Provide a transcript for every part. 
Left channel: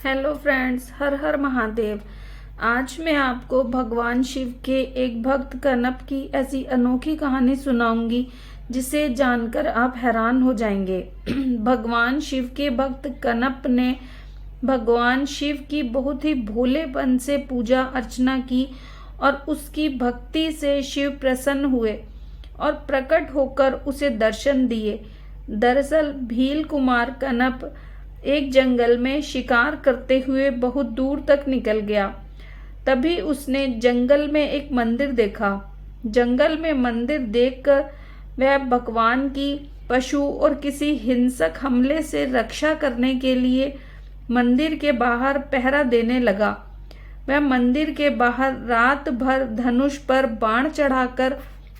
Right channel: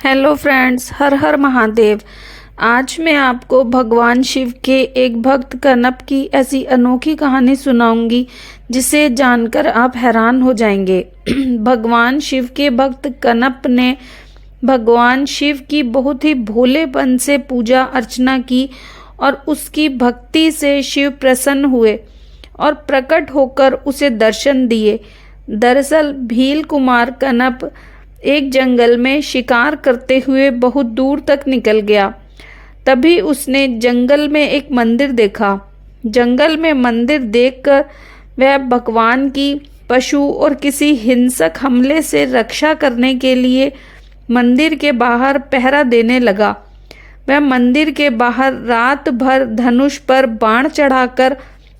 Hello friends, हर हर महादेव। आज मैं आपको भगवान शिव के एक भक्त कनप की ऐसी अनोखी कहानी सुनाऊंगी जिसे जानकर आप हैरान हो जाएंगे। भगवान शिव के भक्त कनप ने भगवान शिव की बहुत ही भोलेपन से पूजा अर्चना की और उसकी भक्ति से शिव प्रसन्न हुए और प्रकट होकर उसे दर्शन दिए। दरअसल भील कुमार कनप एक जंगल में शिकार करते हुए बहुत दूर तक निकल गया। तभी उसने जंगल में एक मंदिर देखा। जंगल में मंदिर देखकर वह भगवान की पशु और किसी हिंसक हमले से रक्षा करने के लिए मंदिर के बाहर पहरा देने लगा। वह मंदिर के बाहर रात भर धनुष पर बाण चढ़ाकर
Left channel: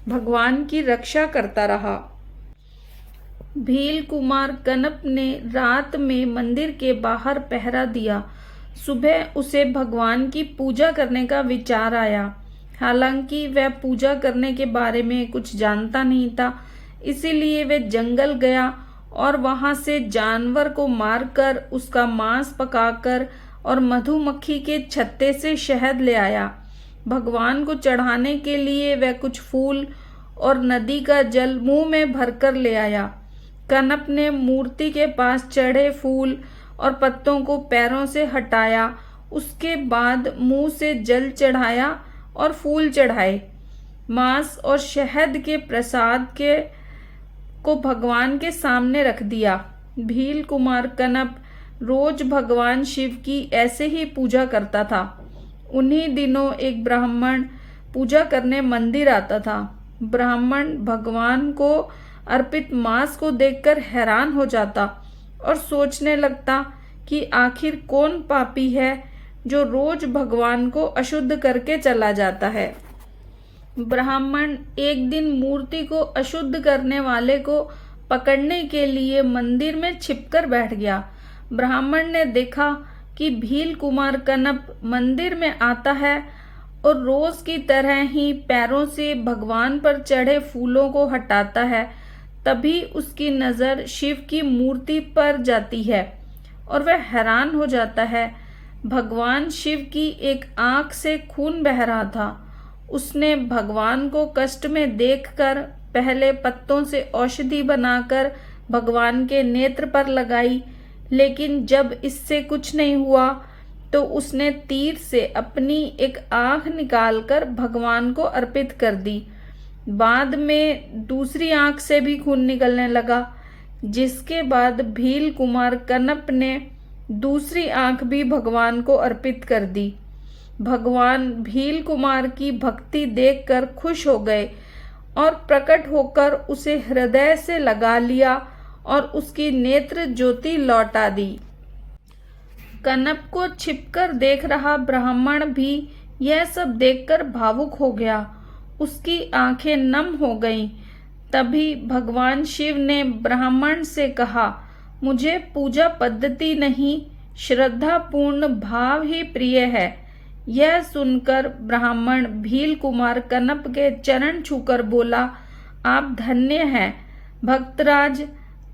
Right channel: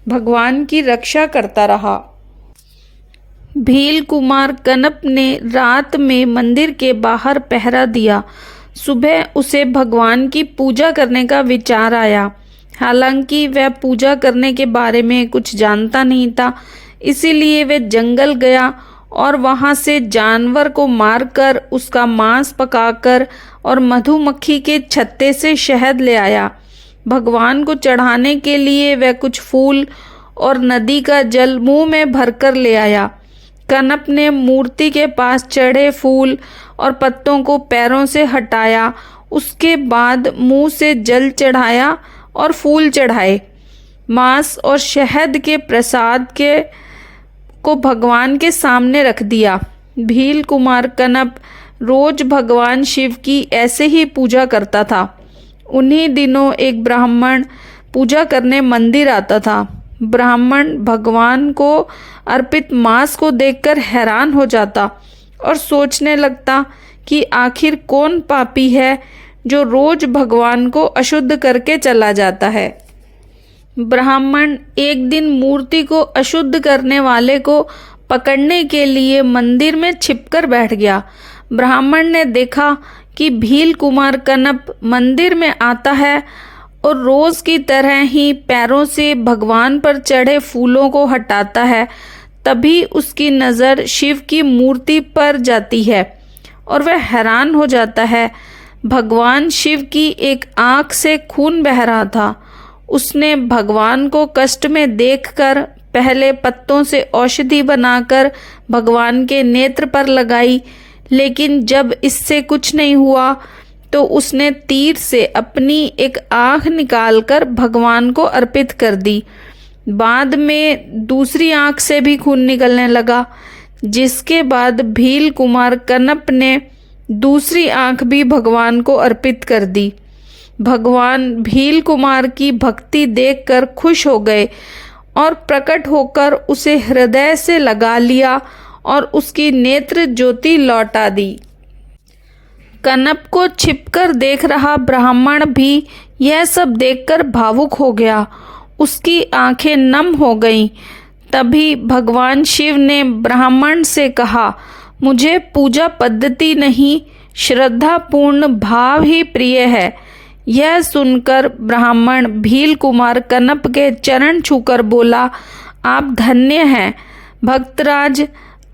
भगवान की रक्षा करता रहा। भील कुमार कनप ने रात में मंदिर के बाहर पहरा दिया। सुबह उसे भगवान की पूजा करने का विचार आया। हालांकि वह पूजा करने के बारे में कुछ जानता नहीं था, इसीलिए वह जंगल गया और वहां से जानवर को मारकर उसका मांस पकाकर और मधुमक्खी के छत्ते से शहद ले आया। भगवान को चढ़ाने के लिए वह कुछ फूल और नदी का जल मुंह में भरकर ले आया। कनप ने मूर्ति के पास चढ़े फूल और पत्तों को पैरों से हटाया। उसके बाद मुंह से जल चढ़ाया और फूल चढ़ाए। मांस और शहद के प्रसाद को भगवान के सामने रख दिया। भील कुमार कनप रोज भगवान शिव की ऐसे ही पूजा करता था। उन्हीं दिनों एक ब्राह्मण पूजा करने मंदिर आता था। ब्राह्मण भगवान को अर्पित मांस को देखकर हैरान हो जाता और सोचने लगता कि आखिर कौन पापी है जो रोज भगवान को अशुद्ध करके चला जाता है। ब्राह्मण एक दिन मूर्ति को अशुद्ध करने वाले को पकड़ने के लिए मंदिर में छिपकर बैठ गया। ब्राह्मण ने देखा कि भील कुमार कनप मंदिर में आता है और रोज की तरह ही पैरों से भगवान पर चढ़े फूलों को हटाता है। तभी उसकी नज़र शिव की मूर्ति पर जाती है और वह हैरान हो जाता है। भगवान शिव की एक आंख से खून बह रहा था। उसने भगवान को कष्ट में देखकर पहले पत्तों से औषधि बनाकर भगवान के नेत्र पर लगाई, लेकिन जब इससे कुछ नहीं हुआ तो उसने तीर से अपनी एक आंख निकालकर भगवान को अर्पित कर दी। बाद में दूसरी आंख से भी खून निकलने लगा, जिसके बाद भील कुमार कनप ने दूसरी आंख भी भगवान को अर्पित कर दी। भगवान भील कुमार की भक्ति देखकर खुश हो गए और प्रकट होकर उसे हृदय से लगा लिया और उसकी नेत्र ज्योति लौटा दी। कनप को छिपकर देख रहा ब्राह्मण भी यह सब देखकर भावुक हो गया। उसकी आंखें नम हो गईं। तभी भगवान शिव ने ब्राह्मण से कहा, मुझे पूजा पद्धति नहीं, श्रद्धापूर्ण भाव ही प्रिय है। यह सुनकर ब्राह्मण भील कुमार कनप के चरण छूकर बोला, आप धन्य हैं भक्तराज।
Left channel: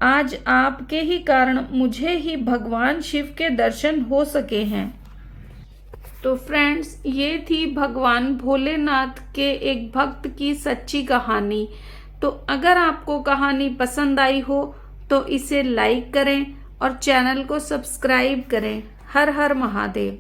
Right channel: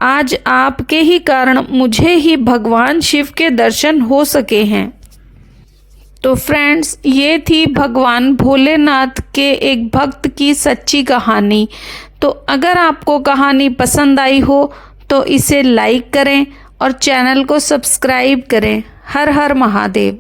आज आपके ही कारण मुझे ही भगवान शिव के दर्शन हो सके हैं। तो फ्रेंड्स, ये थी भगवान भोलेनाथ के एक भक्त की सच्ची कहानी। तो अगर आपको कहानी पसंद आई हो तो इसे लाइक करें और चैनल को सब्सक्राइब करें। हर हर महादेव।